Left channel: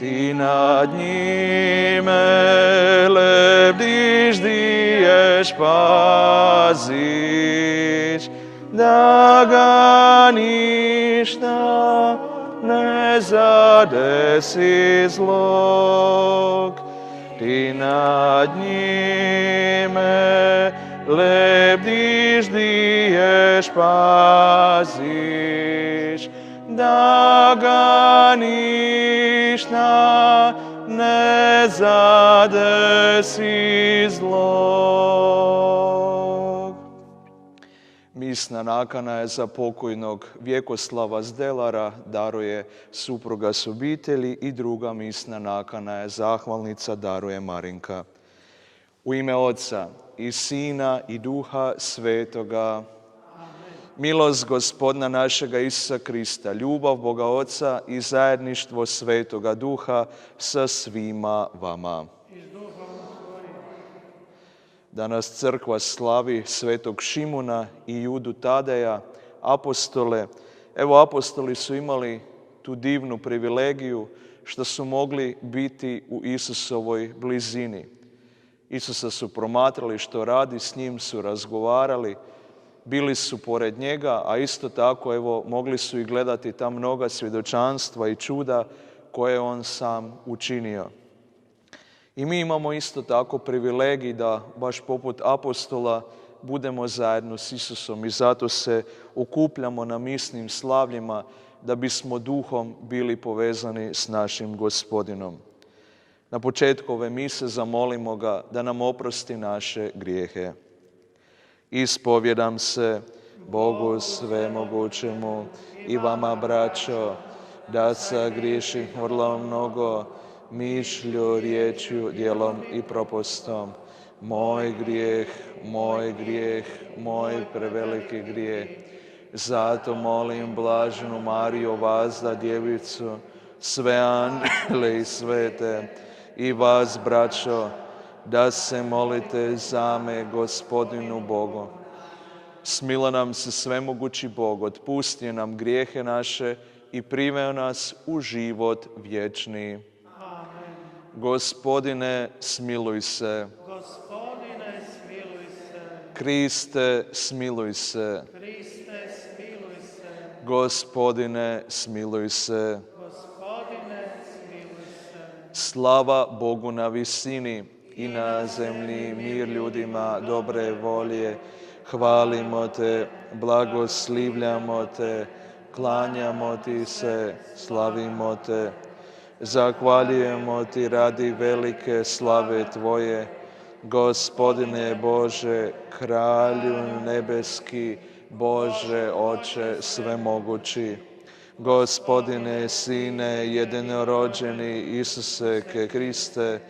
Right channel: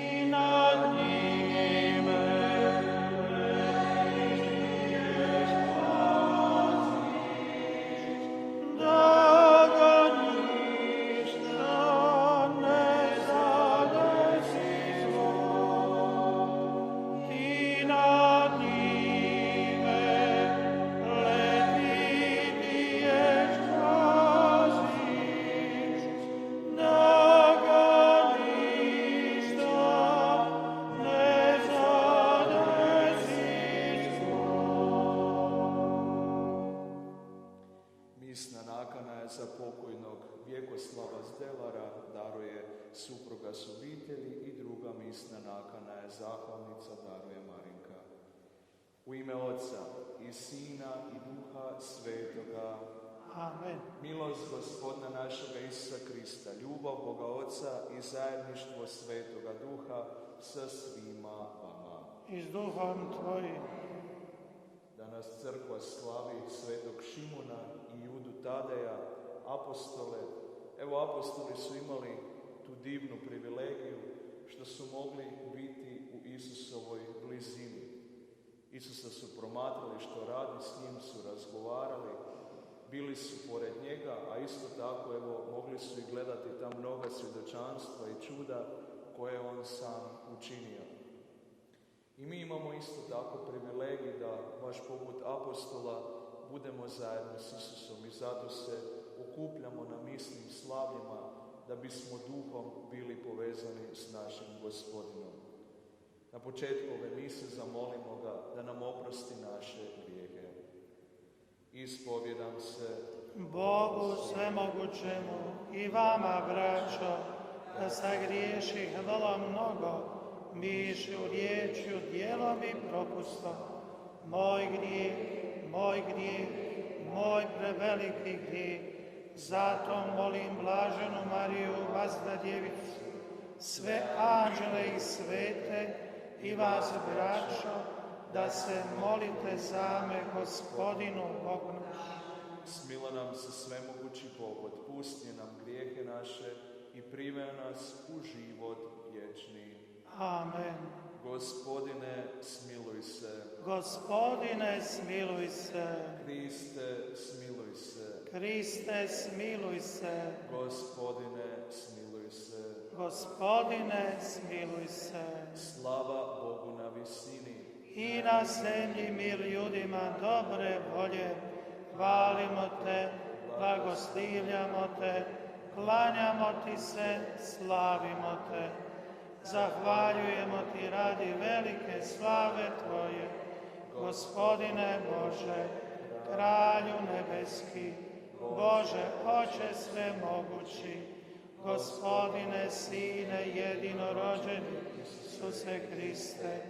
Ti nad njime lebdiš, diješ, paziš, da ga ništa ne zadesi zlog. Ti nad njime lebdiš, diješ, paziš, da ga ništa ne zadesi zlog. Misna nakana je za pokojnog Vjekoslava Zdelara, daruje supruga s obitelji, i druga misna nakana je zahvalnica, daruje Marinka. U ime Oca i Sina i Duha Svetoga. Amen. Milost Gospodina našega Isusa Krista, ljubav Boga Oca i zajedništvo Svetoga Duha sa svima vama. I s duhom tvojim. Danas crkva slavi Svetog Šimuna i Judu Tadeja, apostole. Evo, apostoli su imali tu divnu privilegiju što su mogli biti u Isusovoj blizini. Isusa su promatrali što radi, s njim su razgovarali, bili su pored njega, a isto tako evo mogli su i gledati ta mnoga svjedočanstva i čuda koje on sam učinio. I mi imamo isto tako privilegij da baš poput apostola budemo zajedno s Isusom i zato se okupljamo na misnim slavljima da bismo duhom bili povezani s našim Gospodinom. Na početku ove mise zamolimo ga da nam oprosti naše grijehe. Ispovjedam se Bogu svemogućemu i vama, braćo, da sagriješih vrlo mnogo, mišlju, riječju, djelom i propustom. Moj grijeh, moj preveliki grijeh. Zato molim blaženu Mariju, Vazda djevicu, sve anđele i svete, i vas, braćo, da se molite za me Gospodinu Bogu. Smilo nam se svemogući Bog, otpustio nam grijehe naše i priveo nas u život vječni. Amen. Gospodine, smiluj se. Gospodine, smiluj se. Kriste, smiluj se. Kriste, smiluj se. Gospodine, smiluj se. Gospodine, smiluj se. Slava Bogu na visini i na zemlji mir ljudima dobre volje. Hvalimo te, blagoslivljamo te, klanjamo ti se, slavimo te. Zahvaljujemo ti radi velike slave tvoje, Gospodine Bože, Kralju nebeski, Bože Oče svemogući. Gospodine Sine jedinorođeni Isuse Kriste,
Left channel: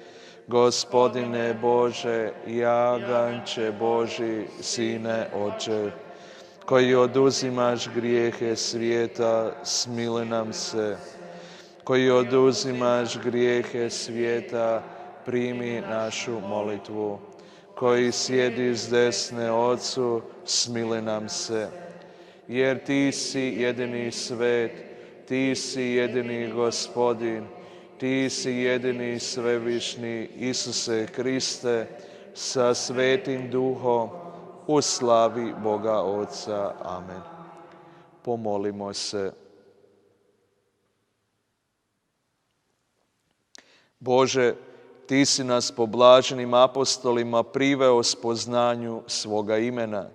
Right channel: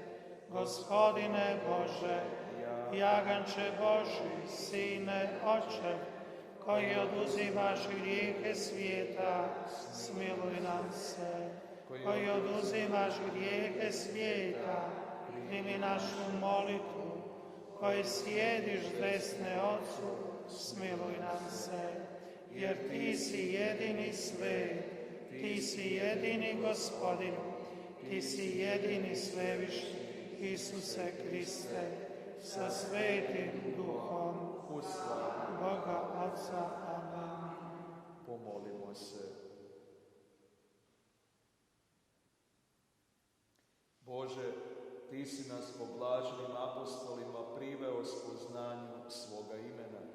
Gospodine Bože, jaganče Boži, Sine Oče, koji oduzimaš grijehe svijeta, smiluj nam se. Koji oduzimaš grijehe svijeta, primi našu molitvu. Koji sjedi s desne Otcu, smiluj nam se. Jer ti si jedini svet, ti si jedini Gospodin, ti si jedini svevišnji Isuse Kriste, sa Svetim Duhom, u slavi Boga Oca. Amen. Pomolimo se. Bože, ti si nas po blaženim apostolima priveo spoznanju svoga imena.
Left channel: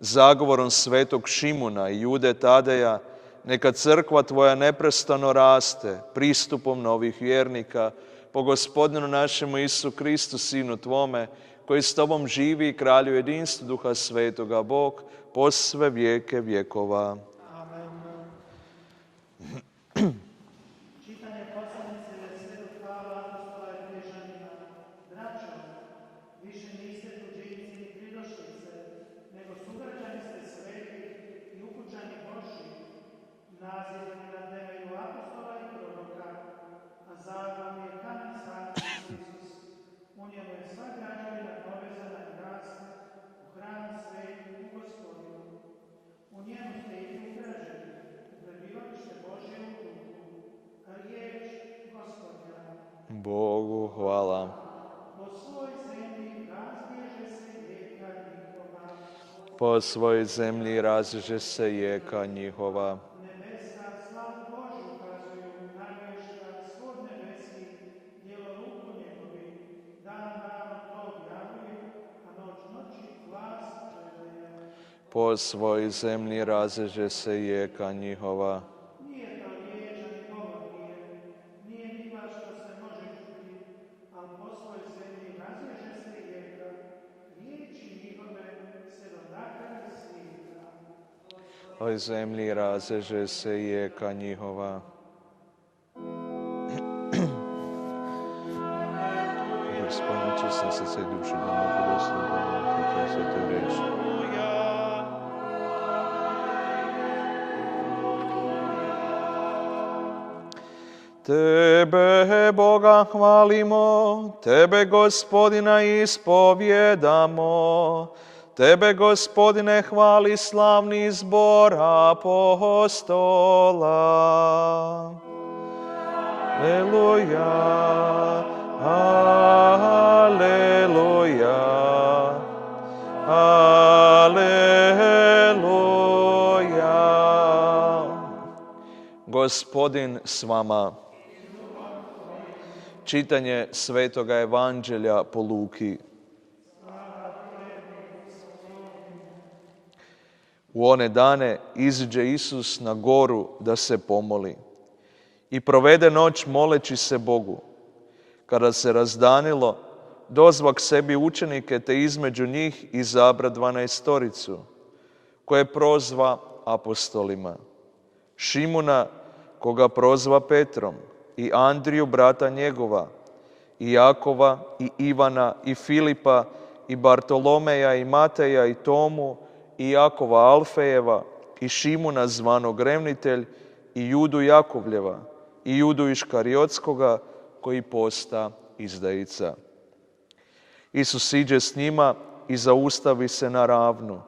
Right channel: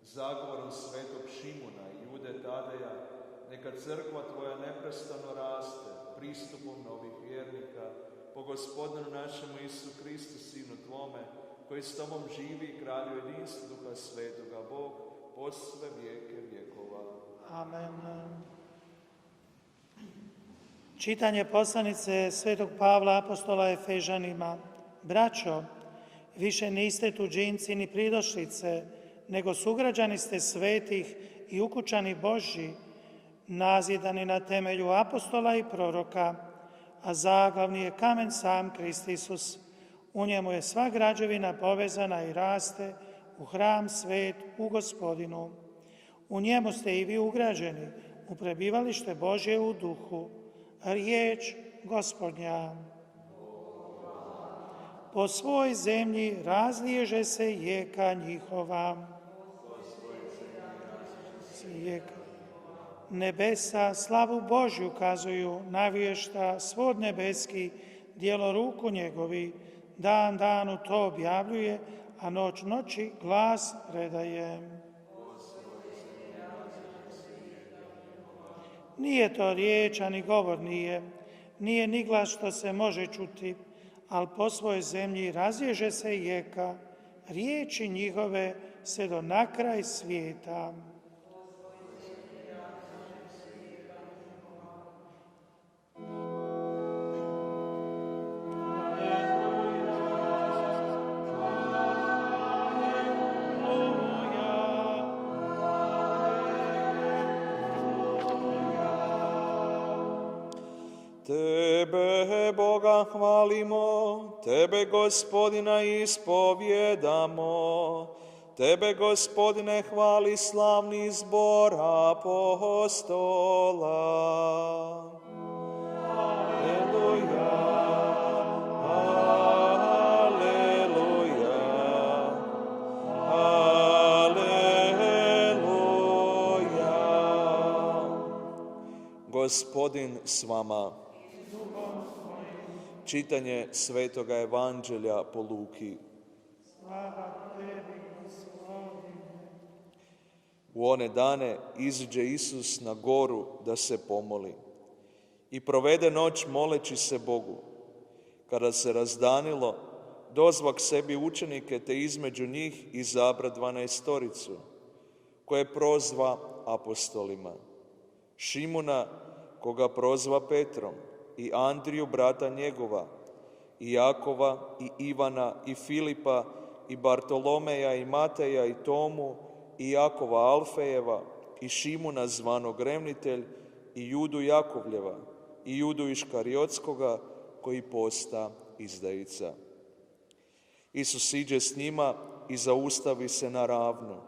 Zagovorom Svetog Šimuna i Jude Tadeja, neka crkva tvoja neprestano raste pristupom novih vjernika, po Gospodinu našemu Isu Kristu, Sinu tvome, koji s tobom živi i kralju jedinstvu Duha Svetoga, Bog, po sve vijeke vjekova. Amen. Čitanje poslanice Svetog Pavla apostola Efežanima. Braćo, više niste tuđinci ni pridošlice, nego sugrađani ste svetih i ukućani Božji, nazidani na temelju apostola i proroka, a zaglavni je kamen sam Krist Isus. U njemu je sva građevina povezana i raste u hram svet u Gospodinu. U njemu ste i vi ugrađeni u prebivalište Božje u duhu. Riječ Gospodnja. Bogu hvala. Po svoj zemlji razliježe se jeka njihova. Po svojoj zemlji razliježe se jeka njihova. Nebesa slavu Božju kazuju, navješta svod nebeski, djelo ruku njegovi, dan danu to objavljuje, a noć noći glas predaje. Po svojoj zemlji razliježe se jeka njihova. Nije to riječ, ani govor nije ni glas što se može čuti, ali po svojoj zemlji razliježe se jeka, riječi njihove se do na kraj svijeta. Po zemlji razliježe se jeka njihova. Gospodine, čistim srce i dušu, da mogu dostojno svete reči. Tebe, Boga, hvalimo, Tebe, Gospodina, ispovjedamo. Tebe, Gospodine, hvali slavni zbor apostola. Aleluja, aleluja, aleluja. Gospodin s vama. Čitanje Svetoga Evanđelja po Luki. U one dane iziđe Isus na goru da se pomoli i provede noć moleći se Bogu. Kada se razdanilo, dozva k sebi učenike te između njih izabra 12, koje prozva apostolima. Šimuna, koga prozva Petrom, i Andriju, brata njegova, i Jakova, i Ivana, i Filipa, i Bartolomeja, i Mateja, i Tomu, i Jakova Alfejeva, i Šimuna zvanog Revnitelj, i Judu Jakovljeva, i Judu Iškariotskoga, koji posta izdajica. Isus iđe s njima i zaustavi se na ravnu.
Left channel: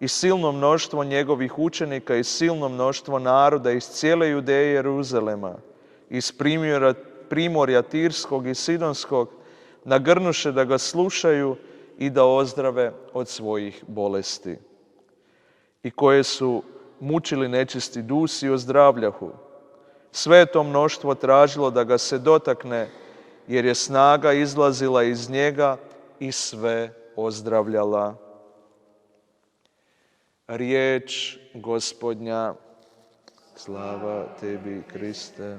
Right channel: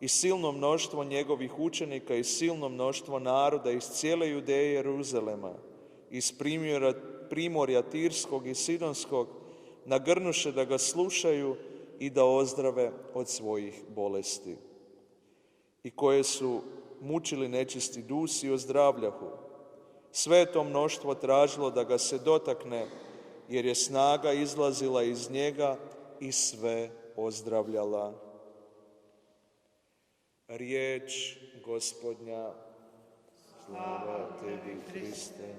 I silno mnoštvo njegovih učenika i silno mnoštvo naroda iz cijele Judeje i Jeruzalema, iz primorja Tirskog i Sidonskog, nagrnuše da ga slušaju i da ozdrave od svojih bolesti. I koje su mučili nečisti dusi ozdravljahu. Sve to mnoštvo tražilo da ga se dotakne, jer je snaga izlazila iz njega i sve ozdravljala. Riječ Gospodnja. Slava tebi, Kriste.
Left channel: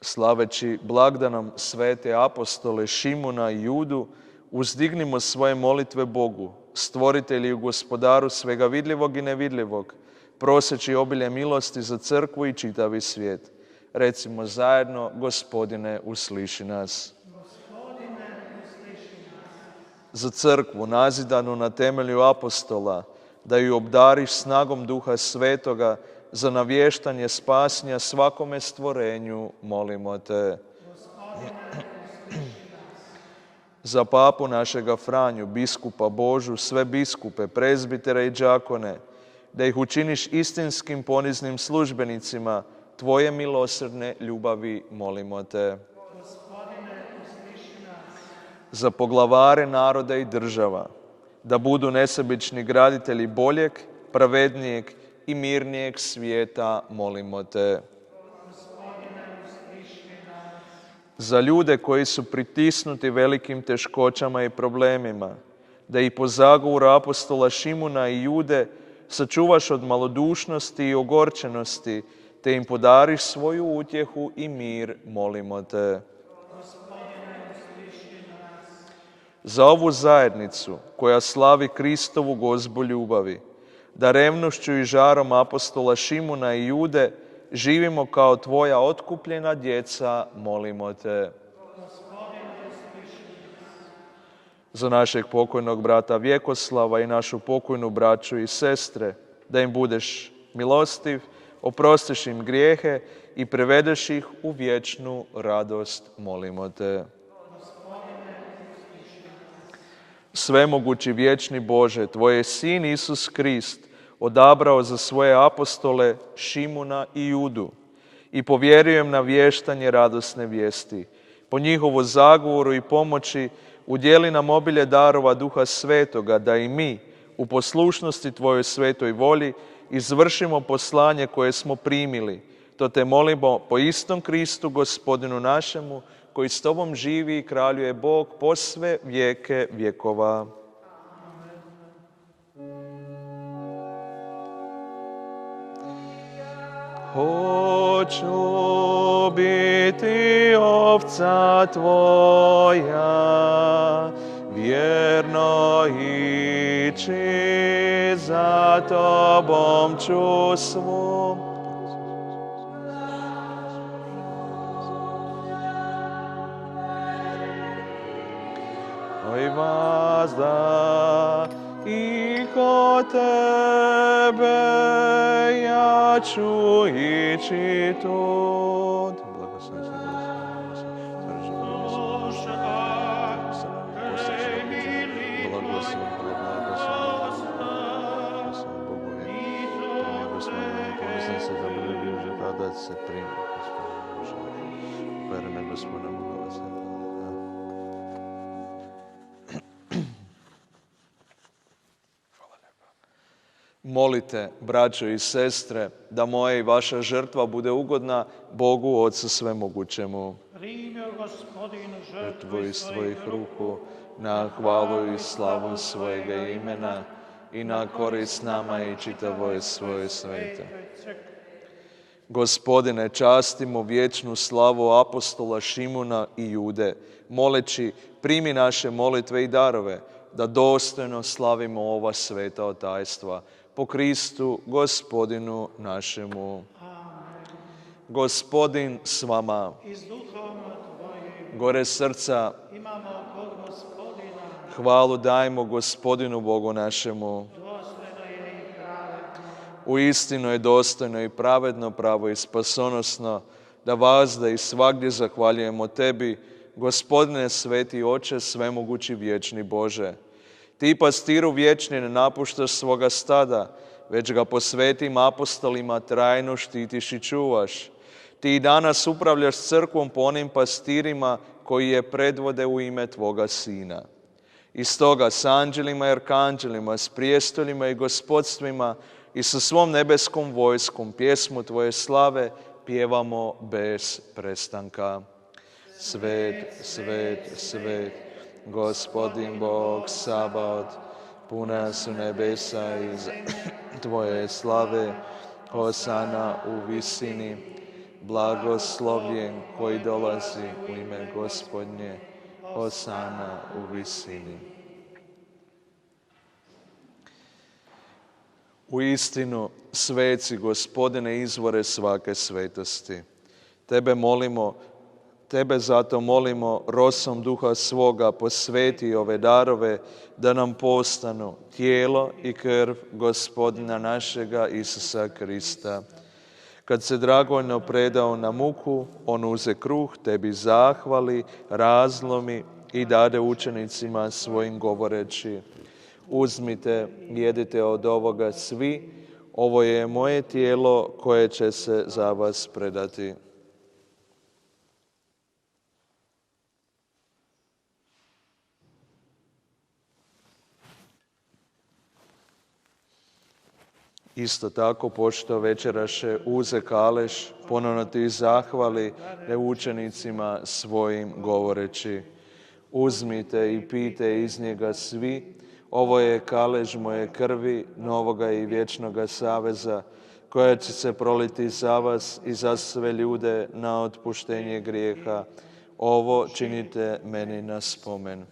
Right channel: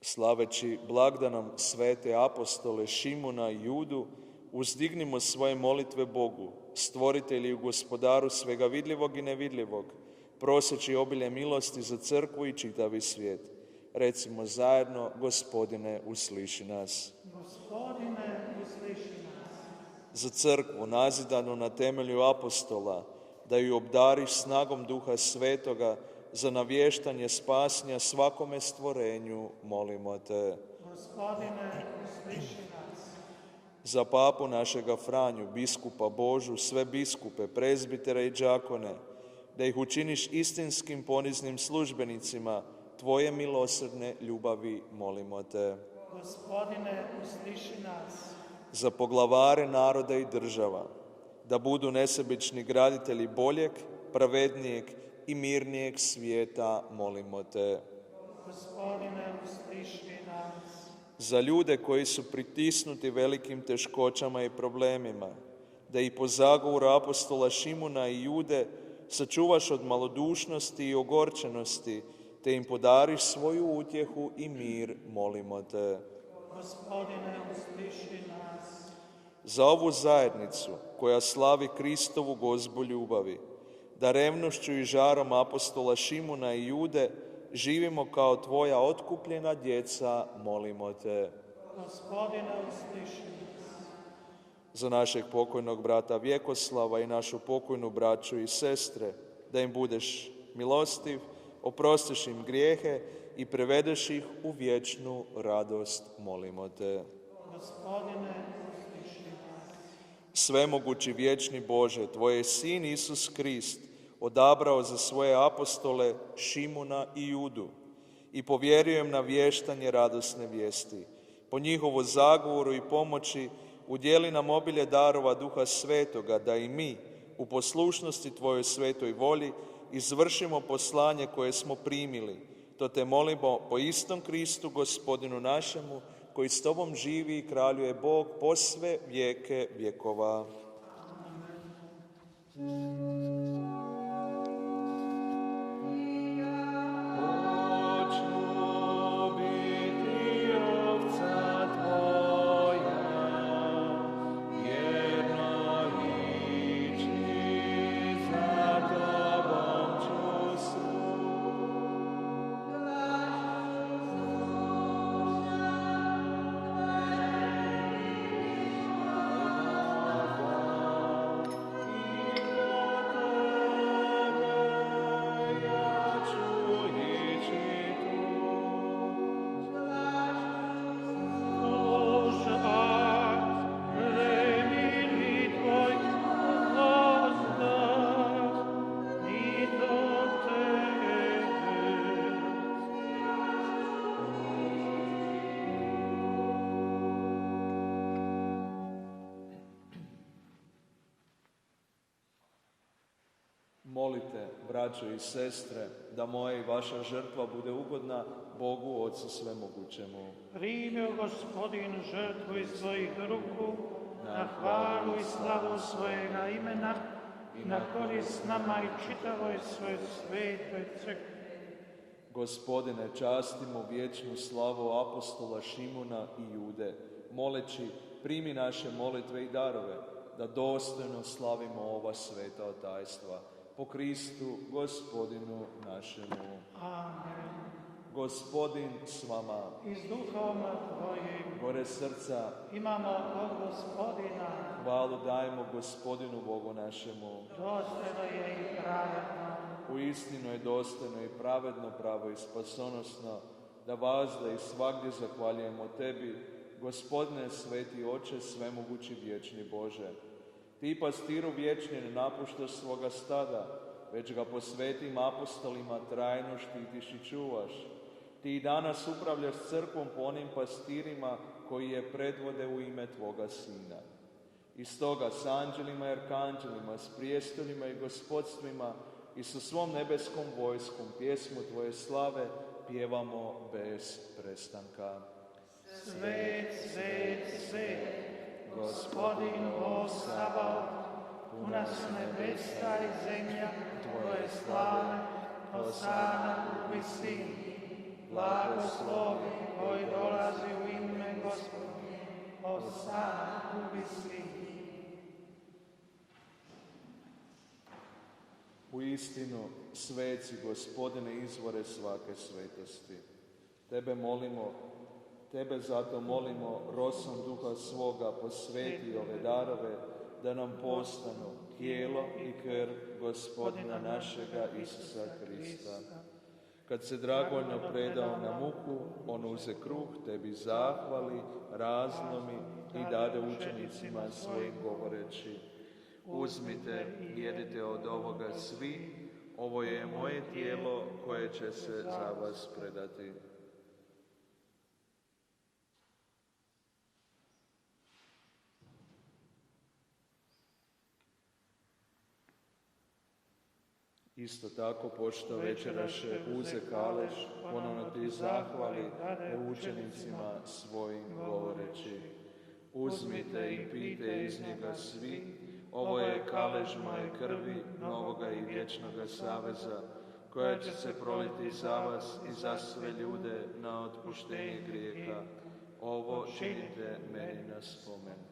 Slaveći blagdanom svete apostole Šimuna i Judu, uzdignimo svoje molitve Bogu, stvoritelju i gospodaru svega vidljivog i nevidljivog, proseći obilje milosti za crkvu i čitavi svijet. Recimo zajedno, Gospodine, usliši nas. Gospodine, usliši nas. Za crkvu, nazidanu na temelju apostola, da ju obdariš snagom Duha Svetoga, za navještanje spasnja svakome stvorenju, molimo te. Gospodine, usliši nas. Za papu našega Franju, biskupa Božu, sve biskupe, prezbitere i đakone, da ih učiniš istinskim poniznim službenicima tvoje milosrdne ljubavi, molimo te. Gospodine, usliši nas. Za poglavare naroda i država, da budu nesebični graditelji boljeg, pravednijeg i mirnijeg svijeta, molimo te. Gospodine, usliši nas. Za ljude koji su pritisnuti velikim teškoćama i problemima, da i po zagovoru apostola Šimuna i Jude sačuvaš od malodušnosti i ogorčenosti, te im podariš svoju utjehu i mir, molimo te. Gospodine, usliši nas. Za ovu zajednicu koja slavi Kristovu gozbu ljubavi, da revnošću i žarom apostola Šimuna i Jude živimo kao tvoja otkupljena djeca, molimo te. Gospodine, usliši nas. Za našeg pokojnog brata Vjekoslava i našu pokojnu braću i sestre, da im budeš milostiv, oprostiš im grijehe i prevedeš ih u vječnu radost, molimo te. Gospodine, usliši nas. Svemogući vječni Bože, tvoj je Sin Isus Krist odabrao za svoje apostole Šimuna i Judu i povjerujem na vještanje radosne vijesti. Po njihovu zagovoru i pomoći udjeli nam obilje darova Duha Svetoga, da i mi u poslušnosti Tvojoj svetoj volji izvršimo poslanje koje smo primili. To te molimo po istom Kristu, Gospodinu našemu, koji s Tobom živi i kraljuje Bog po sve vijeke vjekova. Hoću biti ovca Tvoja, vjerno ići za Tobom ću svom. Oj vazda i ko Tebe ja ću ići tud. Molite, braćo i sestre, da moja i vaša žrtva bude ugodna Bogu Otcu Svemogućemu. Primio Gospodin žrtvu Iz tvojih ruku, na hvalu i slavu svojega imena i na korist nama i čitavoj svoje svete. Gospodine, častimo vječnu slavu apostola Šimuna i Jude, moleći primi naše molitve i darove, da dostojno slavimo ova sveta tajstva. Po Kristu, Gospodinu našemu. Gospodin s vama. Gore srca. Hvalu dajmo Gospodinu Bogu našemu. Uistinu je dostojno i pravedno, pravo i spasonosno da vazda i svagdje zahvaljujemo Tebi, Gospodine sveti Oče, svemogući vječni Bože. Ti, pastiru vječni, ne napuštaš svoga stada, već ga po svetim apostolima trajno štitiš i čuvaš. Ti i danas upravljaš crkvom po onim pastirima koji je predvode u ime Tvoga Sina. I stoga s anđelima i arkanđelima, s prijestoljima i gospodstvima i sa svom nebeskom vojskom pjesmu Tvoje slave pjevamo bez prestanka. Svet, svet, svet, Gospodin Bog Sabaot, puna su nebesa iz Tvoje slave, Hosana u visini, blagoslovljen koji dolazi u ime Gospodnje, Hosana u visini. Uistinu, sveci, Gospodine, izvore svake svetosti. Tebe zato molimo, rosom Duha svoga posveti ove darove, da nam postanu tijelo i krv Gospodina našega Isusa Krista. Kad se dragovoljno predao na muku, on uze kruh, Tebi zahvali, razlomi i dade učenicima svojim govoreći: uzmite, jedite od ovoga svi, ovo je moje tijelo koje će se za vas predati. Isto tako, pošto večeraše, uze kaleš, ponovno Ti zahvali učenicima svojim govoreći: uzmite i pijte iz njega svi, ovo je kalež moje krvi, novoga i vječnoga saveza, koja će se proliti za vas i za sve ljude na otpuštenje grijeha. Ovo činite meni na spomen.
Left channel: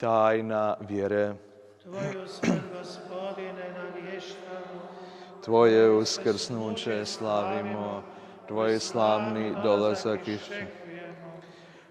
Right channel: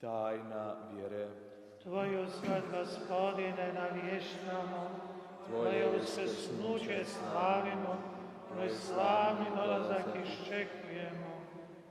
Tajna vjere. Tvoju smrt, Gospodine, navještamo. Tvoje uskrsnuće slavimo, Tvoj slavni dolazak iščekujemo.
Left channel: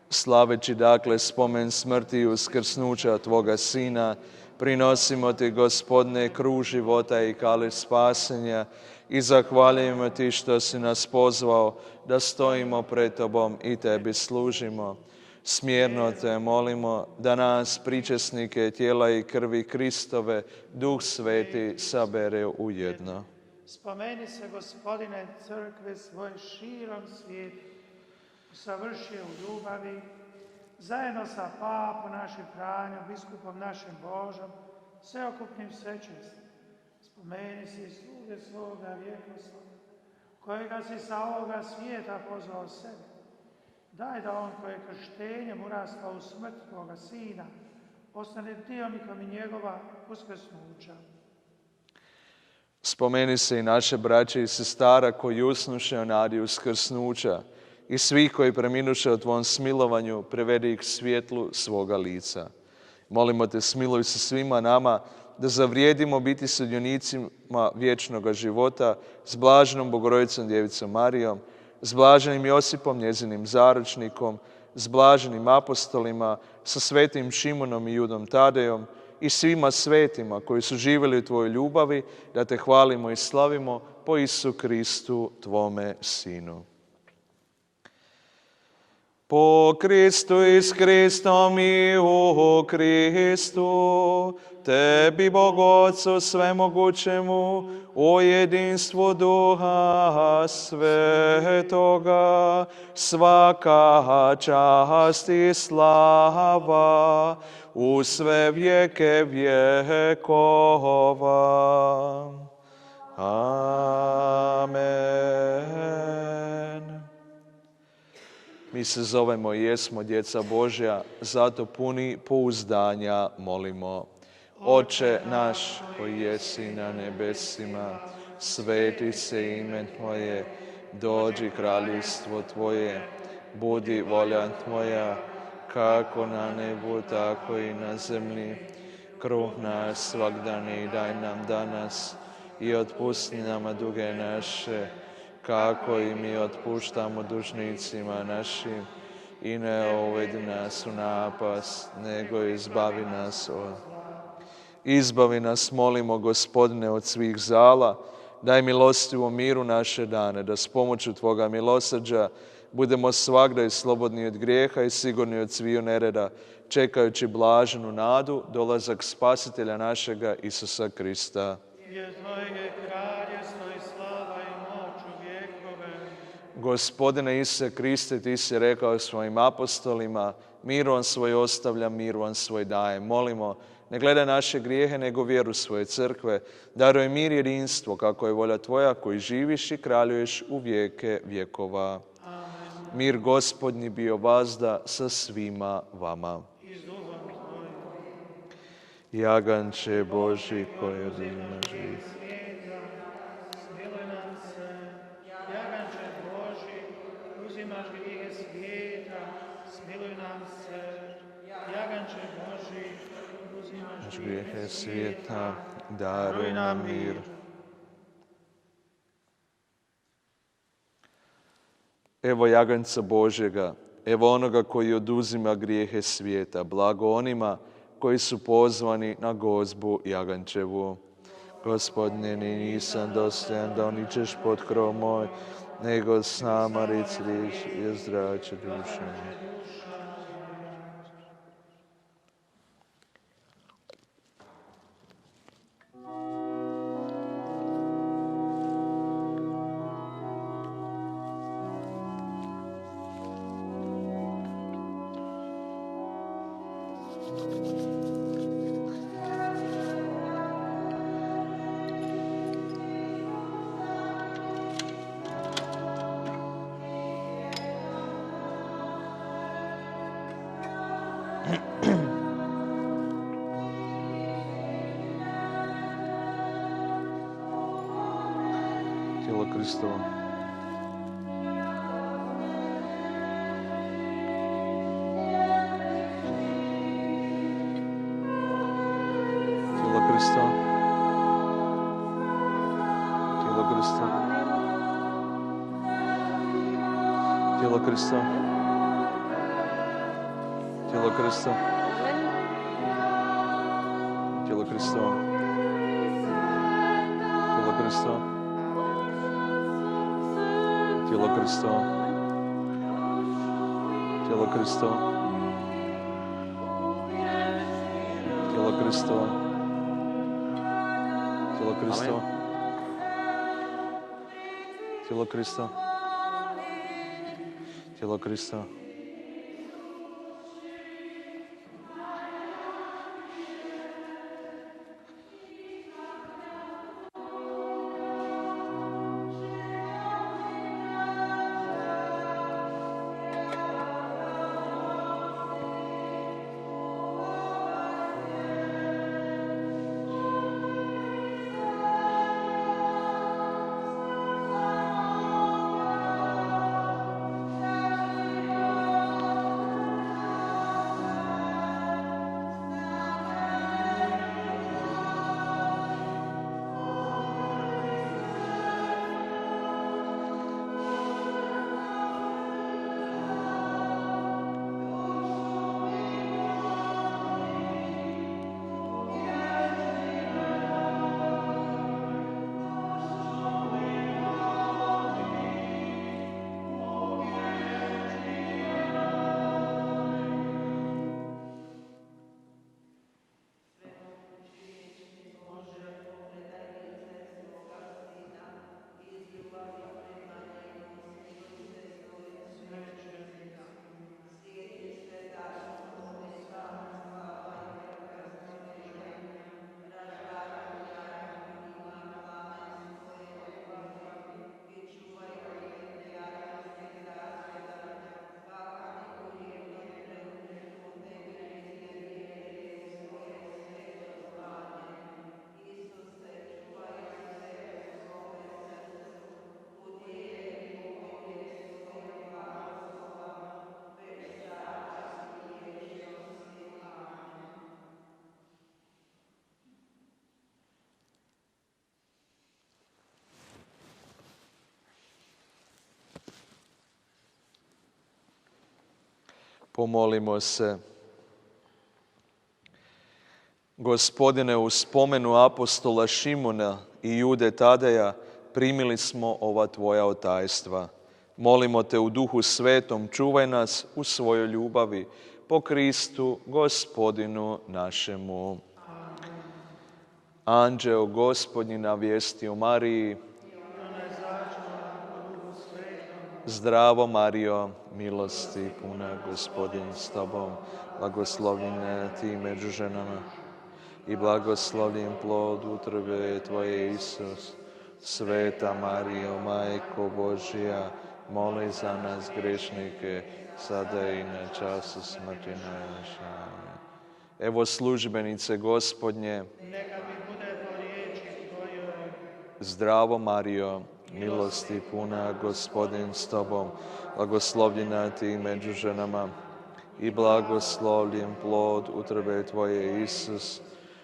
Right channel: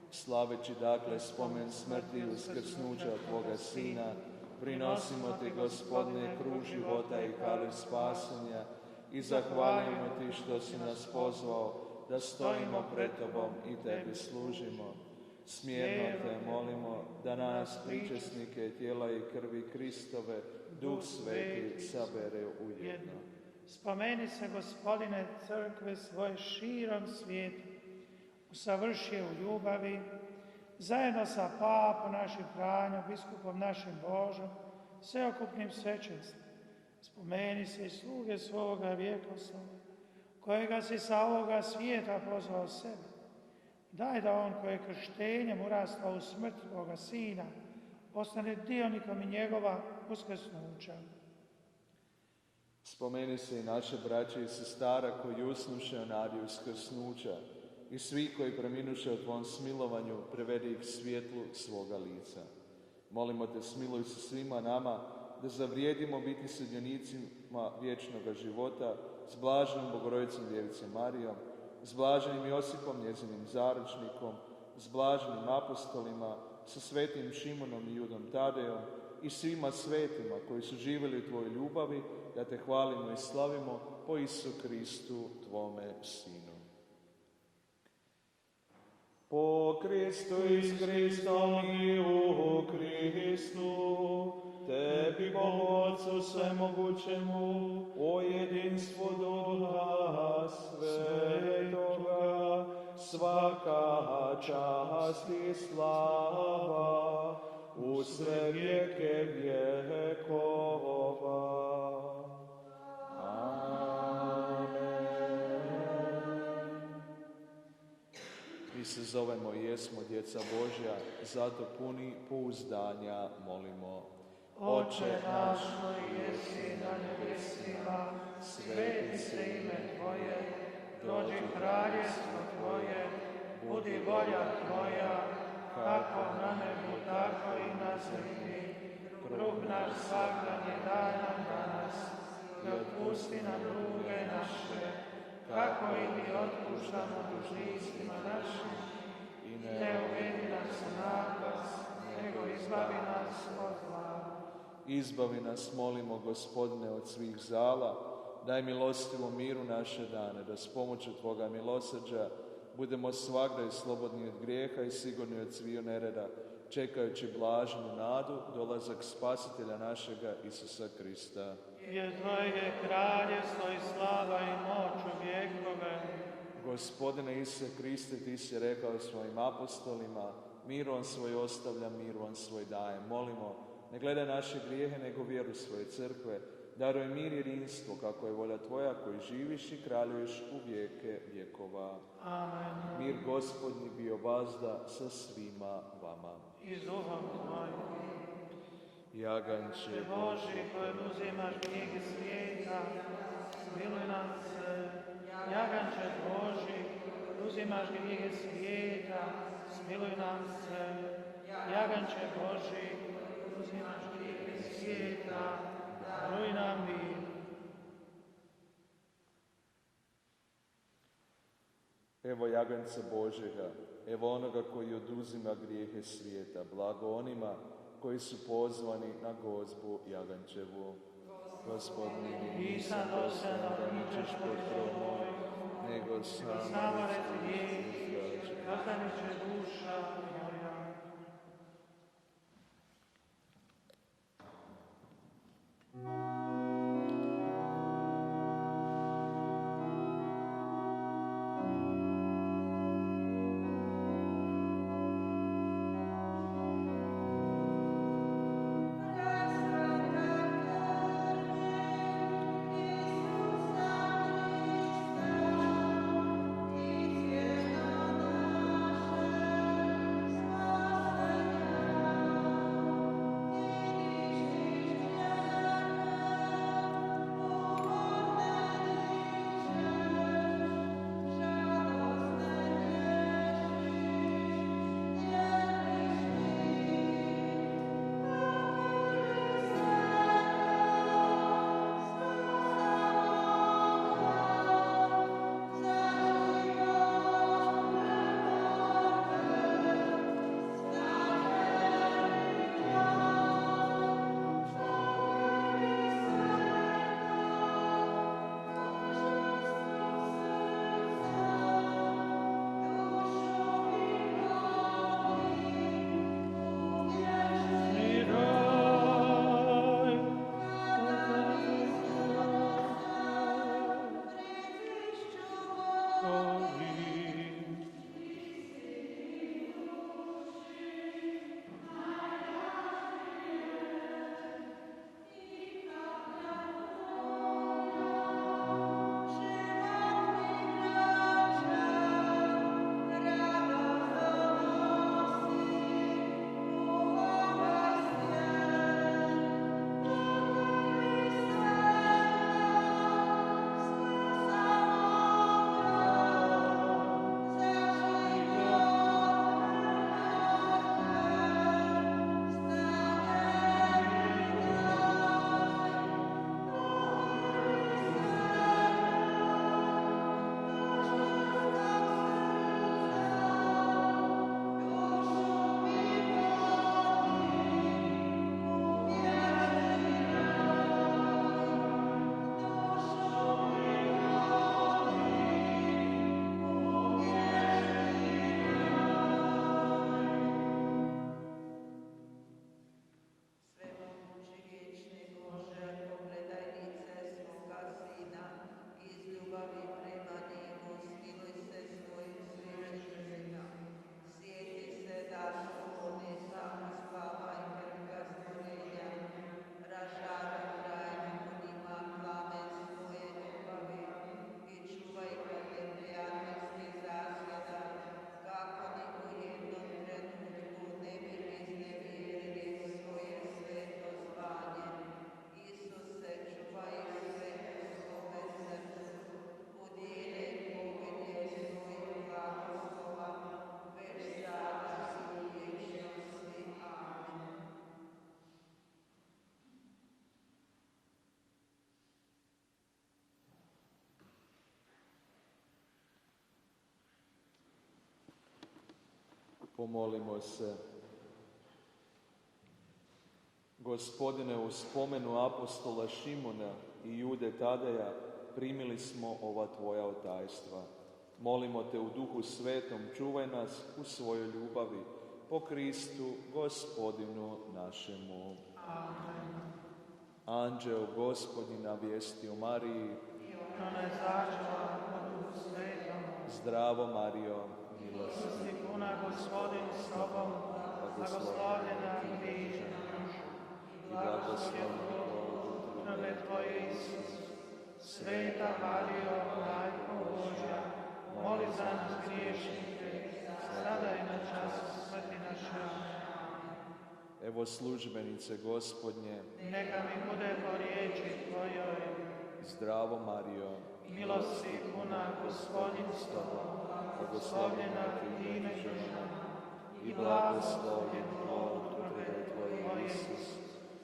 Slaveći dakle spomen smrti i uskrsnuća Tvoga Sina, Prinosimo ti, Gospodine, kruh života i kališ spasenja i zahvaljujemo ti što si nas pozvao da stojimo pred tobom i tebi služimo. Smjerno te molimo da nas, pričesnike tijela i krvi Kristove, Duh Sveti sabere u jedno. Spomeni se, Gospodine, crkve svoje širom svijetu, usavrši u ljubavi, zajedno sa papom našim Franjom, biskupom našim Božom, sveokupnim svećenstvom. Spomeni se i sluge svoga vjekoslova, kojega si sa ovoga svijeta pozvao sebe. Daj da on koji je krštenjem urastao u smrt Tvoga Sina, postane dionikom i njegova uskrsnuća. Spomeni se i naše braće i sestara koji usnuše o nadi uskrsnuća i svih koji preminuše o Tvom smilovanju, prevedi ih svjetlu svoga lica. Molimo te, smiluj se svima nama da zavrijedimo biti sudionicima vječnoga života s blaženom Bogorodicom Djevicom Marijom, s blaženim Josipom, njezinim zaručnikom, s blaženim apostolima, sa svetim Šimunom i Judom Tadejom i svima svetima koji su živjeli u Tvojoj ljubavi, da Te hvalimo i slavimo po Isu Kristu, Tvome Sinu. Po Kristu i s Kristom i u Kristu, Tebi, Bog Otcu svemogućemu, u jedinstvu Duha Svetoga, svaka čast i slava u sve vijeke vjekova. Amen. Mi se zovemo i jesmo djeca Božja, zato puni pouzdanja molimo. Oče naš koji jesi na nebesima, sveti se ime Tvoje, dođi kraljevstvo Tvoje, budi volja Tvoja, kako na nebu, tako i na zemlji. Kruh naš svagdani daj nam danas i otpusti nama duge naše, kako i mi otpuštamo dužnicima našim. I ne uvedi nas u napast, nego izbavi nas od... Izbavi nas, molimo, Gospodine, od svih zala. Daj milostivu miru naše dane, da s pomoću Tvoga milosrđa budemo svagdje slobodni od grijeha i sigurni od sviju nereda, čekajući blaženu nadu, dolazak Spasitelja našega Isusa Krista. Jer Tvoje je kraljevstvo i slava i moć u vjekove. Gospodine Isuse Kriste, Ti si rekao svojim apostolima, mir vam svoj ostavljam, mir vam svoj dajem. Molimo, ne gledaj naše grijehe, nego vjeru svoje crkve. Daruj mir i jedinstvo, kako je volja Tvoja, koji živiš i kraljuješ u vijeke vjekova. Amen. Mir Gospodnji bio vazda sa svima vama. I s duhom Tvojim. Jaganče Boži, koji uzimaš život. Smiluj nam se. Jaganče Boži, uzimaš grijehe svijeta, smiluj nam se. Jaganče Boži, uzimaš Grijehe svijeta, daruj nam mir. Evo jaganjca Božjega, evo onoga koji oduzima grijehe svijeta. Blago onima koji su pozvani na gozbu jagančevu. Gospodine, ni nisam dostojan da uničeš pod krov moj, nego s nama reci riječ i ozdrače dušu. Tijelo Kristovo. Tijelo Kristovo. Tijelo Kristovo. Tijelo Kristovo. Tijelo Kristovo. Tijelo Hristovo. Tijelo Hristovo. Tijelo Hristovo. Tijelo Hristovo. Tijelo Hristovo. Tijelo Hristovo. Tijelo Hristovo. Tijelo Hristovo. Pomolimo se. Gospodine, u spomenu apostola Šimuna i Jude Tadeja primili smo ova tvoja otajstva. Molimo te u Duhu Svetom, čuvaj nas u svojoj ljubavi po Kristu, Gospodinu našemu. Amen. Anđeo Gospodnji navijestio Mariji. Zdravo Marijo, milosti puna, Gospodin s tobom, blagoslovljena ti među ženama i blagoslovljen plod utrobe tvoje, Isus. Sveta Marijo, Majko Božja, moli za nas grešnike, sada i na času smrti naše. Evo službenice Gospodnje, neka mi bude po riječi tvojoj. Zdravo Marijo, milosti puna, Gospodin s tobom, blagoslovljena ti među ženama i blagoslovljen plod utrobe tvoje, Isus.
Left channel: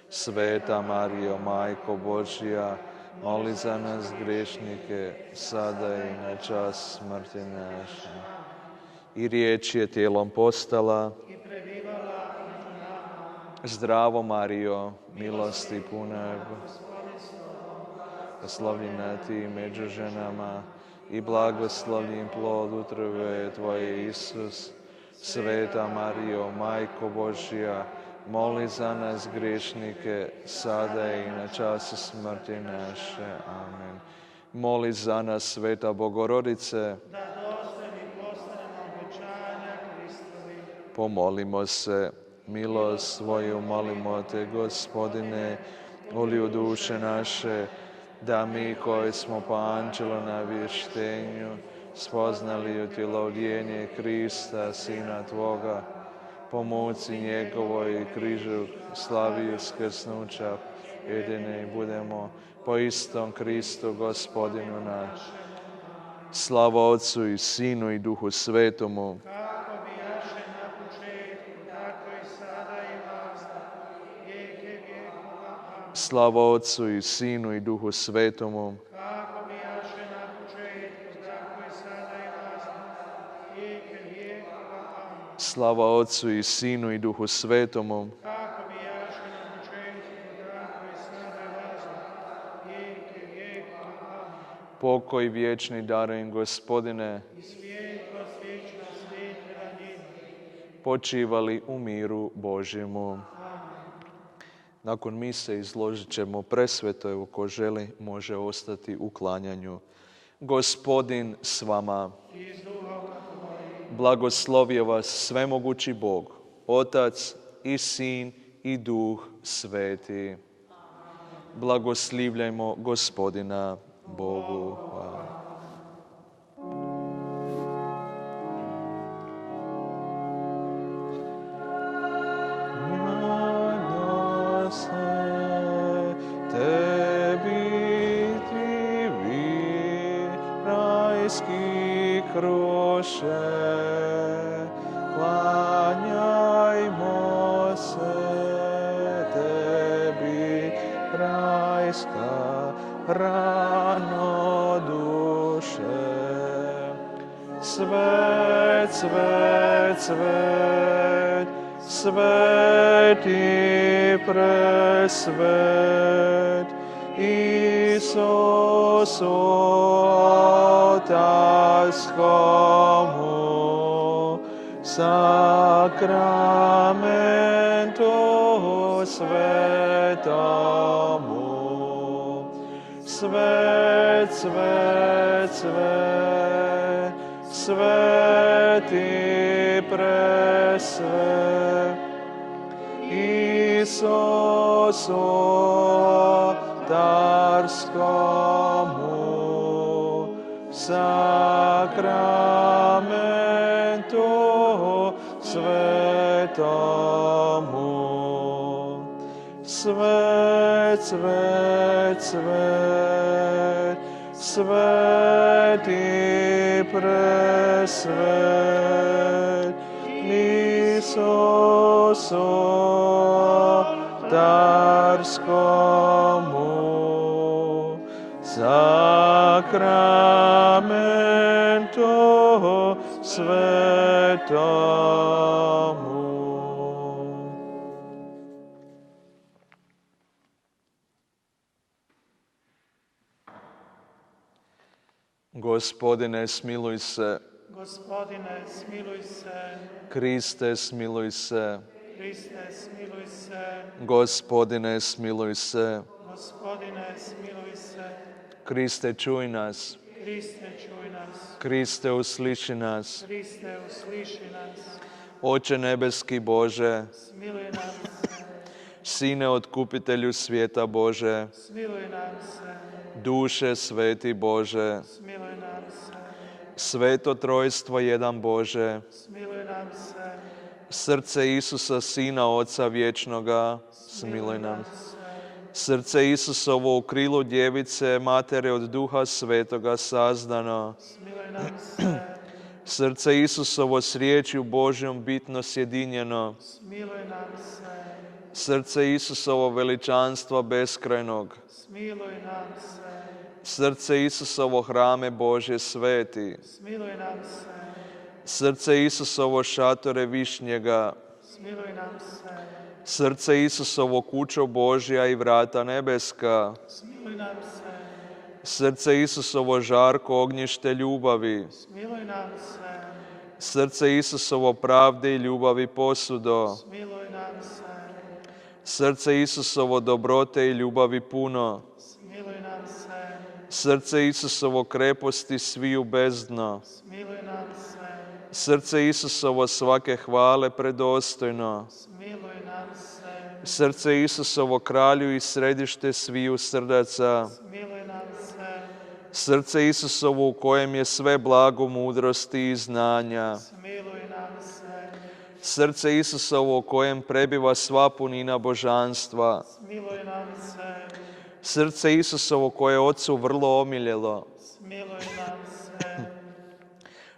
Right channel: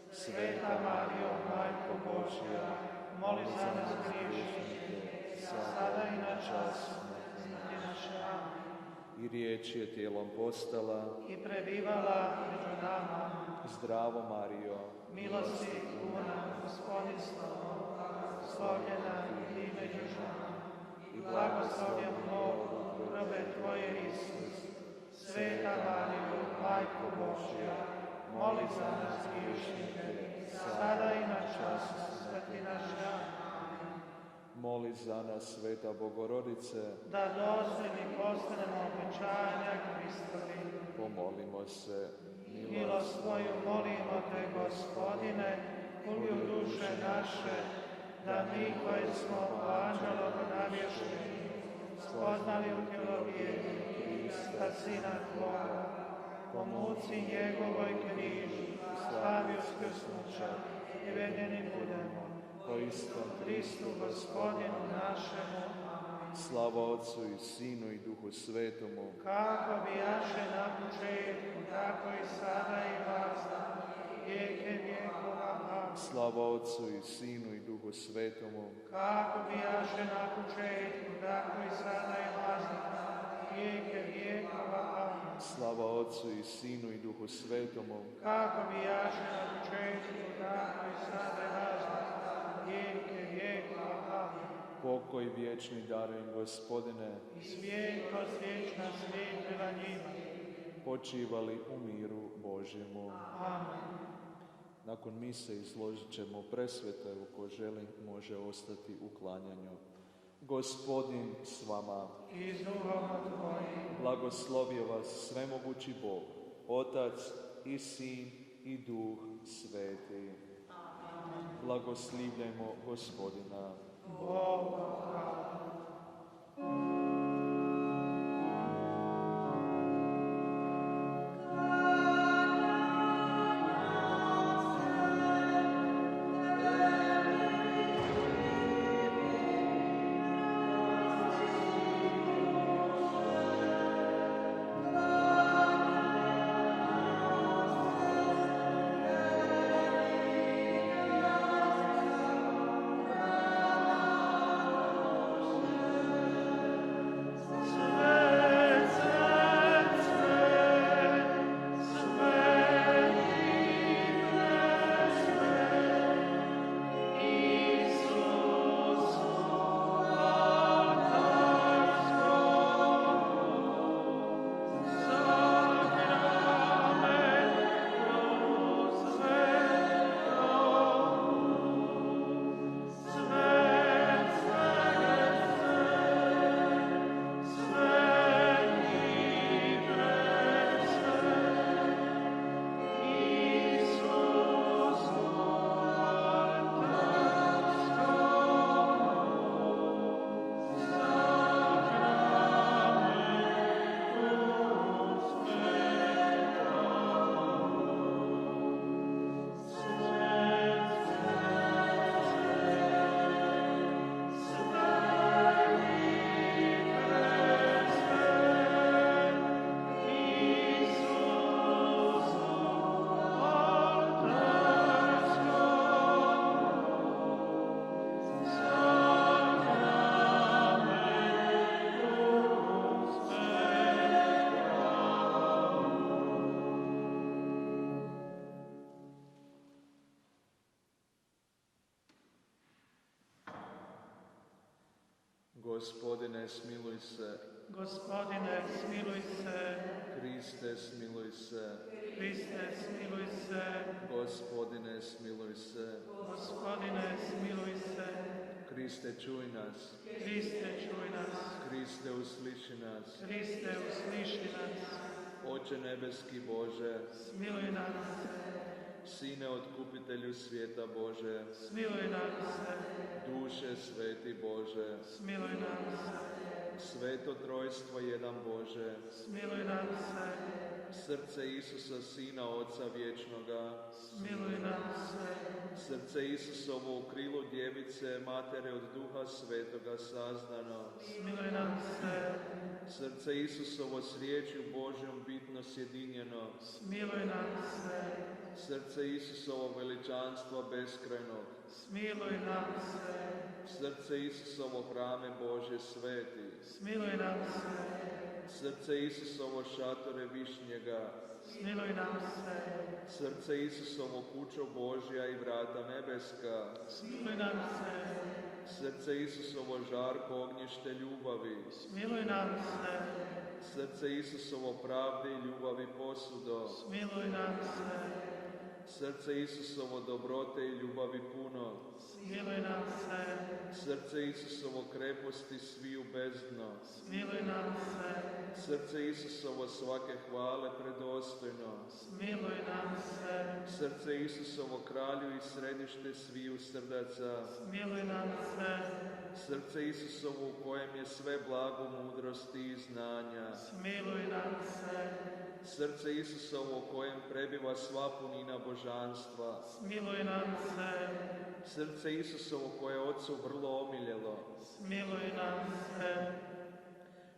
Sveta Marijo, Majko Božja, moli za nas grešnike, sada i na čas smrti naše. I riječ je tijelom postala I prebivala među nama. Zdravo Marijo, milosti puna, blagoslovljena ti među ženama i blagoslovljen plod utrobe tvoje, Isus. Sveta Marijo, Majko Božja, moli za nas grešnike, sada i na času smrti naše. Amen. Moli za nas, Sveta Bogorodice, Da dostojni postanemo obećanja Kristovi. pomolimo se. Milost svoju molimo te, Gospodine, uli u duše naše, da mi koji smo po anđelu na vještenju spoznali utjelovljenje Krista, Sina Tvoga, po moci njegovoj i križu slavi uskrsnuća, jedini budemo po istom Kristu, Gospodinu naš. Slava Otcu i Sinu i Duhu Svetomu, Kako bijaše na početku, tako i sada i vazda, vijeke vjekova. slava Otcu i Sinu i Duhu Svetomu, Kako bijaše na početku, tako i sada i vazda, vijeke vjekova. slava Otcu i Sinu i Duhu Svetomu, Kako bijaše na početku, tako pokoj vječni daruj im, Gospodine, počivali u miru Božjemu. Nakon mise izložit ćemo presveto, evo ko želi može ostati u klanjanju. Gospodin s vama. Blagoslovio vas svemogući Bog, Otac i Sin i Duh Sveti. Blagoslivljajmo Gospodina Bogu. Hvala. Sveti presvet, Isus Otaskomu, sakramentu svetomu, svet, svet, svet, sveti presvet, Isusu darskomu, sakramentu svetomu, svet, svet, svet, sveti presvet, Isusu darskomu, sakramentu svetomu. Gospodine, smiluj se. Gospodine, smiluj se. Kriste, smiluj se. Kriste, smiluj se. Gospodine, smiluj se. Gospodine, smiluj se. Kriste, čuj nas. Kriste, čuj nas. Kriste, usliši nas. Kriste, usliši nas. Oče nebeski Bože, Smiluj nam se. Sine otkupitelju svijeta Bože, Smiluj nam se. duše sveti Bože, Smiluj nam se. sveto trojstvo jedan Bože, Smiluj nam se. srce Isusa, Sina Oca vječnoga, smiluj nam. Srce Isusovo u krilu djevice, matere od Duha Svetoga sazdano. Smiluj nam se. Srce Isusovo s riječju Božjom bitno sjedinjeno. Smiluj nam se. Srce Isusovo veličanstva beskrajnog. Smiluj nam se. Srce Isusovo hrame Božje sveti. Smiluj nam se. Srce Isusovo šatore višnjega. Smiluj nam se. Srce Isusovo kućo Božja i vrata nebeska. Smiluj nam se. Srce Isusovo žarko ognjište ljubavi. Smiluj nam se. Srce Isusovo pravde i ljubavi posudo. Smiluj nam se. Srce Isusovo dobrote i ljubavi puno. Smiluj nam se. Srce Isusovo kreposti sviju bezdno. Smiluj nam se. Srce Isusovo svake hvale predostojno. Smiluj nam se. Srce Isusovo kralju i središte sviju srdaca. Smiluj nam se. Srce Isusovo u kojem je sve blago mudrosti i znanja. Smiluj nam se. Srce Isusovo u kojem prebiva sva punina božanstva. Smiluj nam se. Srce Isusovo koje je Otcu vrlo omiljelo. Smiluj nam se.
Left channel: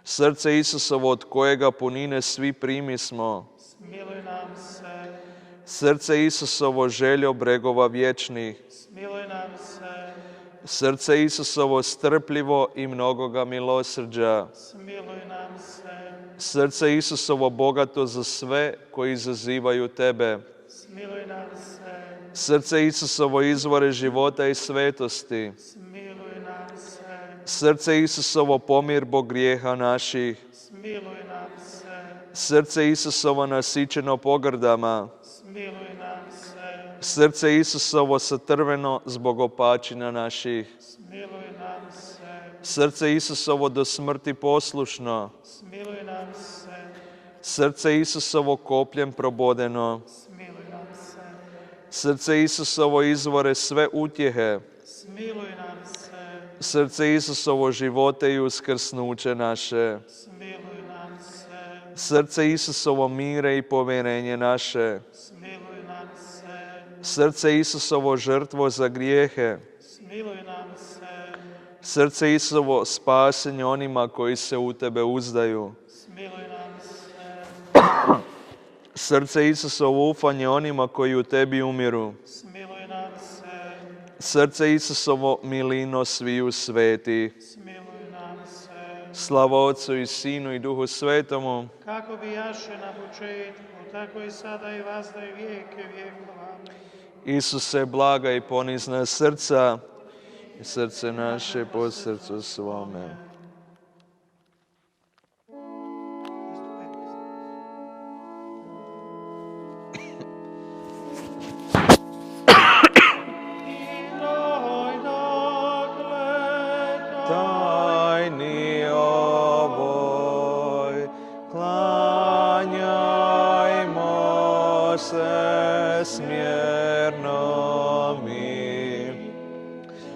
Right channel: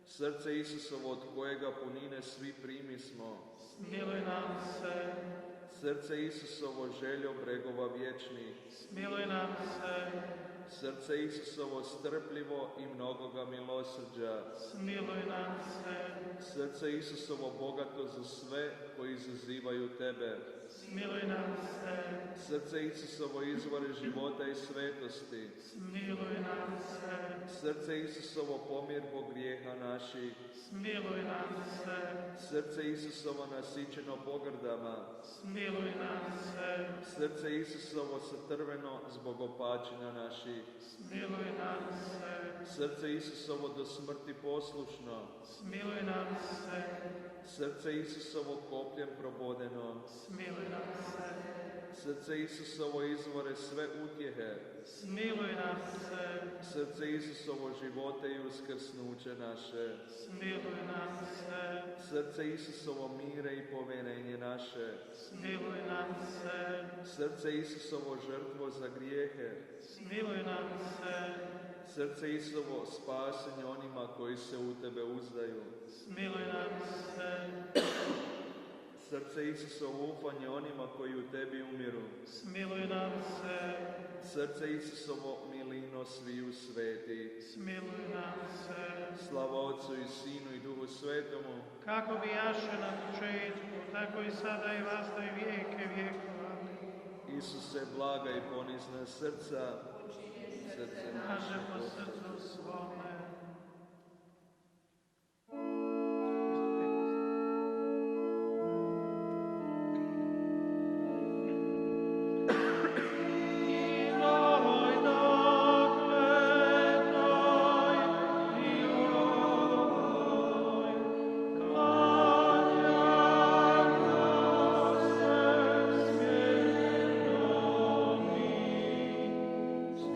Srce Isusovo od kojega punine svi primismo. Smiluj nam se. Srce Isusovo željo bregova vječnih. Smiluj nam se. Srce Isusovo strpljivo i mnogoga milosrđa. Smiluj nam se. Srce Isusovo bogato za sve koji izazivaju tebe. Smiluj nam se. Srce Isusovo izvore života i svetosti. Smiluj nam se. Srce Isusovo, pomirbo grijeha naših. Smiluj nam se. Srce Isusovo, nasićeno pogrdama. Smiluj nam se. Srce Isusovo, satrveno zbog opačina naših. Smiluj nam se. Srce Isusovo, do smrti poslušno. Smiluj nam se. Srce Isusovo, kopljem probodeno. Smiluj nam se. Srce Isusovo, izvore sve utjehe. Smiluj nam se. Srce Isusovo, živote i uskrsnuće naše. Smiluj nam se. Srce Isusovo, mire i povjerenje naše. Smiluj nam se. Srce Isusovo, žrtvo za grijehe. Smiluj nam se. Srce Isusovo, spasenje onima koji se u tebe uzdaju. Smiluj nam se. Srce Isusovo, ufanje onima koji u tebi umiru. Smiluj nam se. Srce Isusovo, milino sviju sveti. Smiluj nam se. Slava Otcu i Sinu i Duhu Svetomu. Kako bijaše na početku, tako i sada i vazda i vijeke vijekova. Isuse, blaga i ponizna srca, i srce naše po srcu svome. Tajni ovoj, klanjajmo se smjerno mi.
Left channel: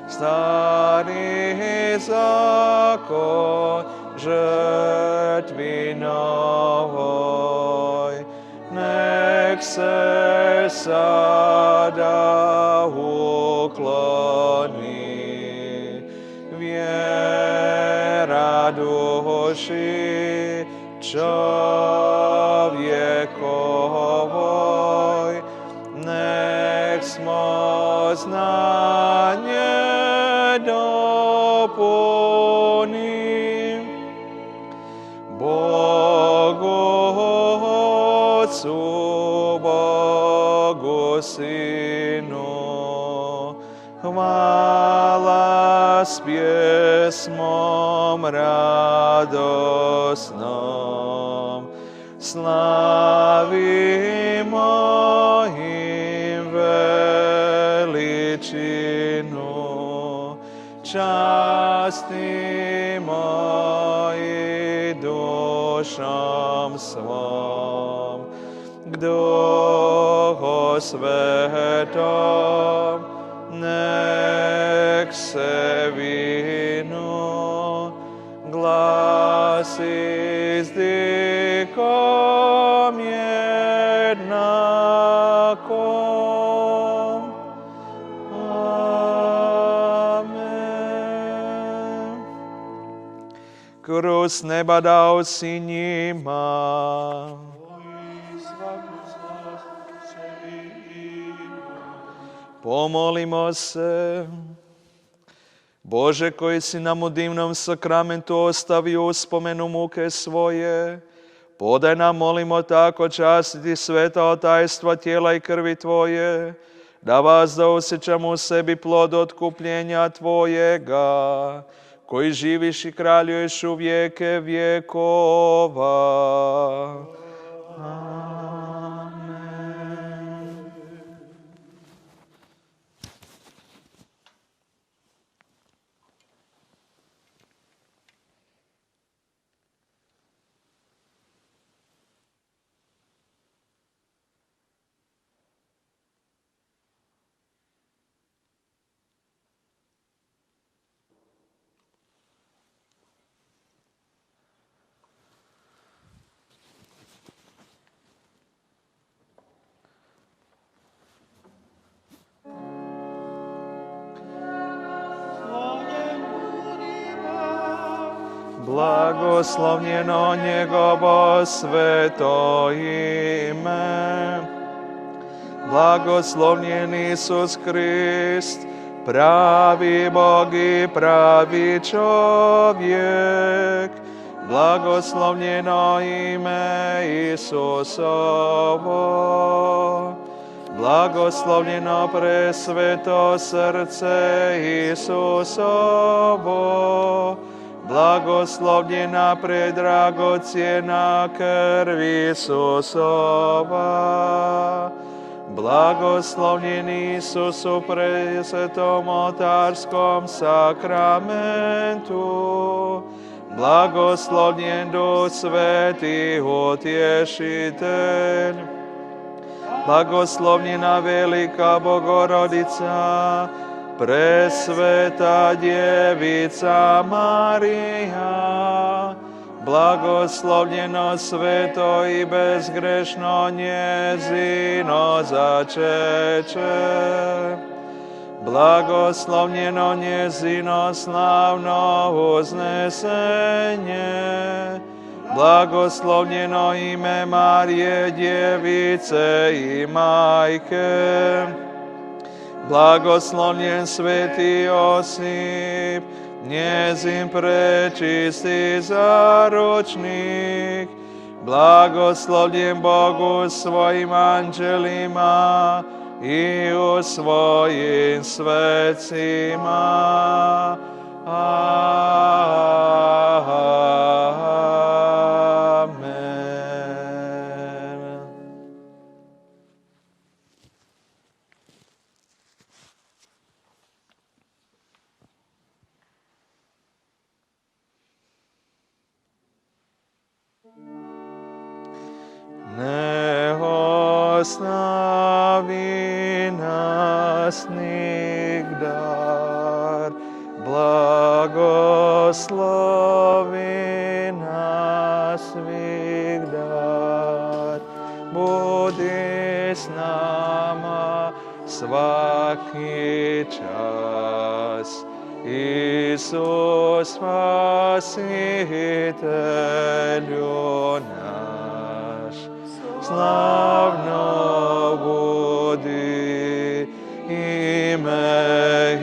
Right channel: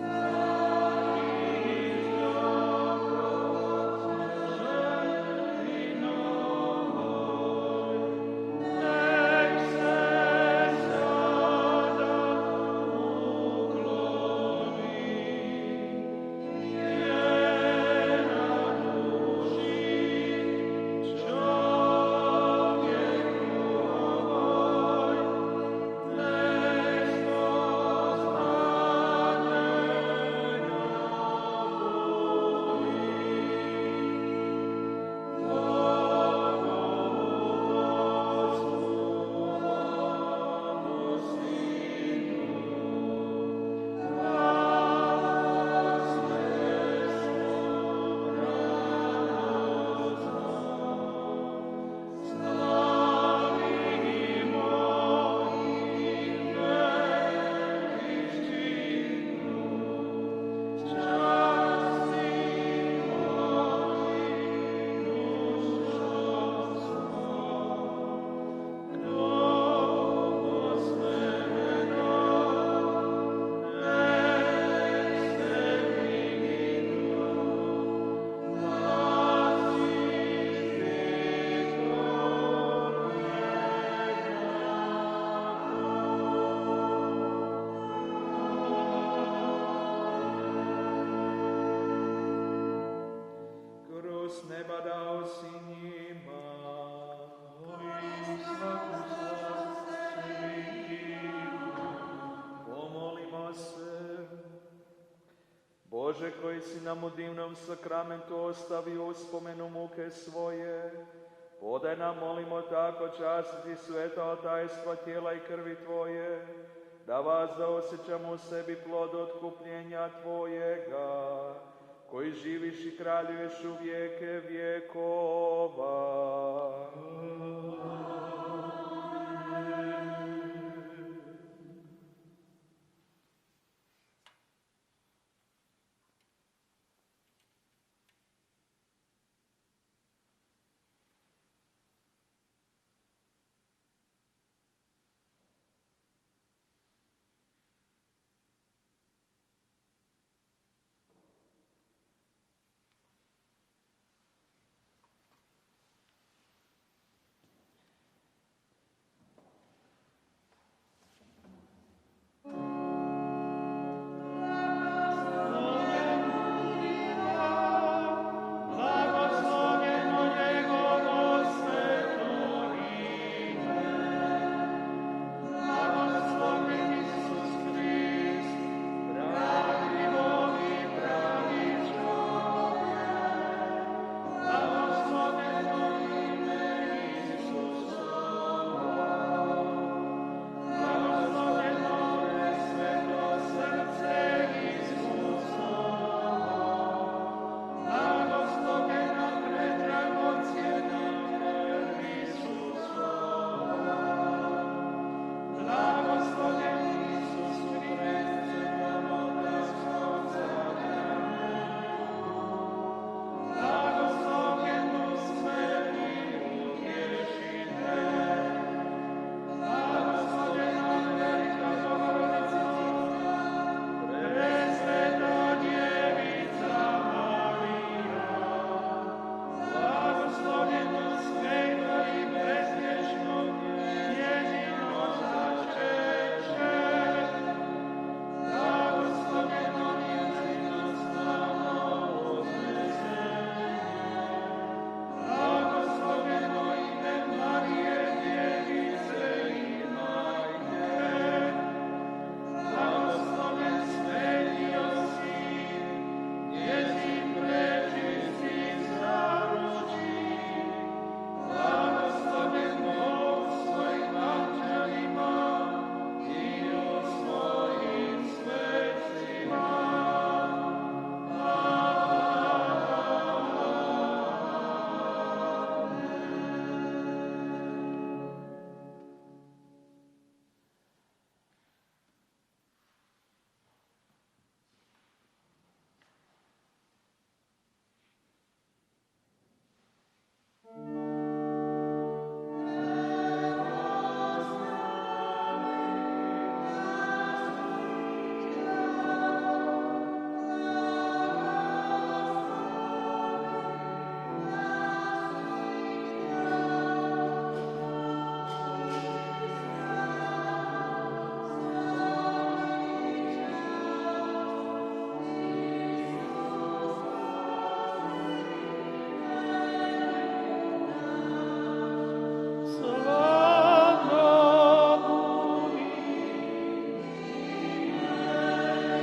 Stari zakon žrtvi novoj, nek se sada ukloni. Vjera duši čovjekovoj, nek smo znanje dopuni. Bogu Otcu, Bogu Sinu, hvala s pjesmom radosnom. Slavimo im veličinu, častimo i dušom svom. K Duhu Svetom nek se vinu, glas izdikom jednakom. Amen. Kroz neba dao si njima, pomolimo se. Bože, koji si nam u divnom sakramentu ostavio uspomenu muke svoje, podaj nam, molimo, tako častiti sveta tajstva tijela i krvi Tvoje, da vas da osjećamo u sebi plod otkupljenja Tvojega, koji živiš i kraljuješ u vijeke vjekova. Blagoslovljeno njegovo sveto ime. Blagoslovljen Isus Krist, pravi Bog i pravi čovjek. Blagoslovljeno ime Isusovo. Blagoslovljeno presveto srce Isusovo, blagoslovljena predragocjena krv Isusova, blagoslovljen Isus u presvetom oltarskom sakramentu, blagoslovljen Duh Sveti utješitelj, blagoslovljena velika Bogorodica, presveta djevica Marija, blagoslovljeno sveto i bezgrešno njezino začeće, blagoslovljeno njezino slavno uznesenje, blagoslovljeno ime Marije djevice i majke, blagoslovljen sveti Josip, njezin prečisti zaručnik, blagoslovljen Bogu svojim anđelima i u svojim svecima. Ne ostavi nas nigdar, blagoslovi nas nigdar, budi s nama svaki čas. Isus Spasitelju naš, slavno budi ime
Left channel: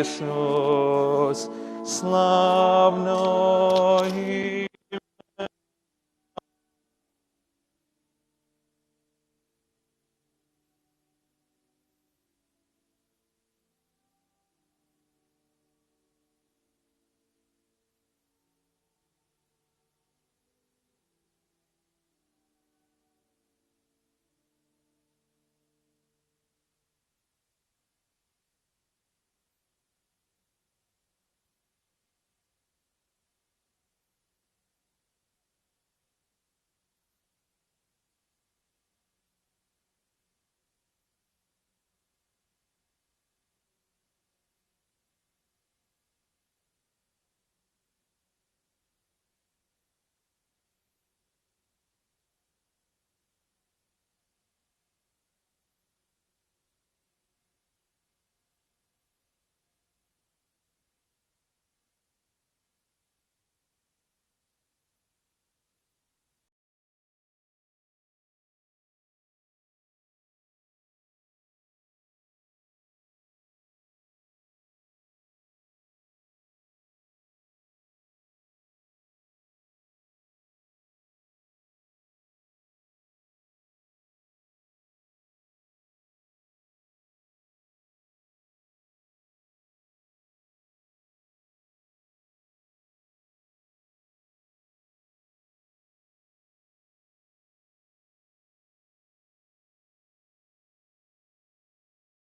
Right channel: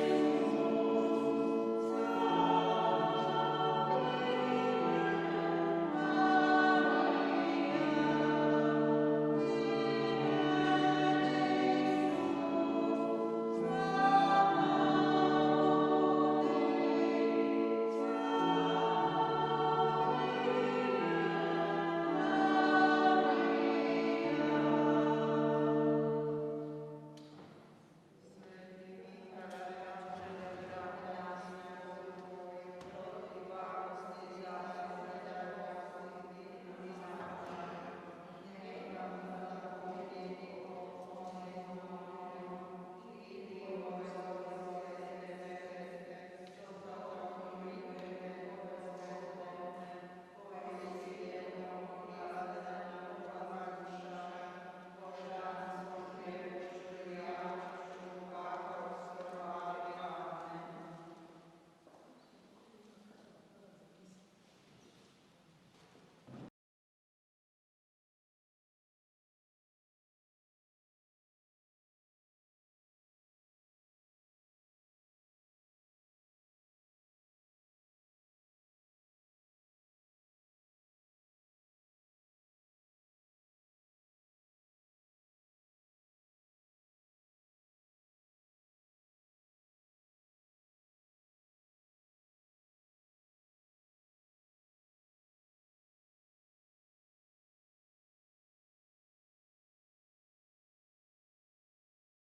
Isus, slavno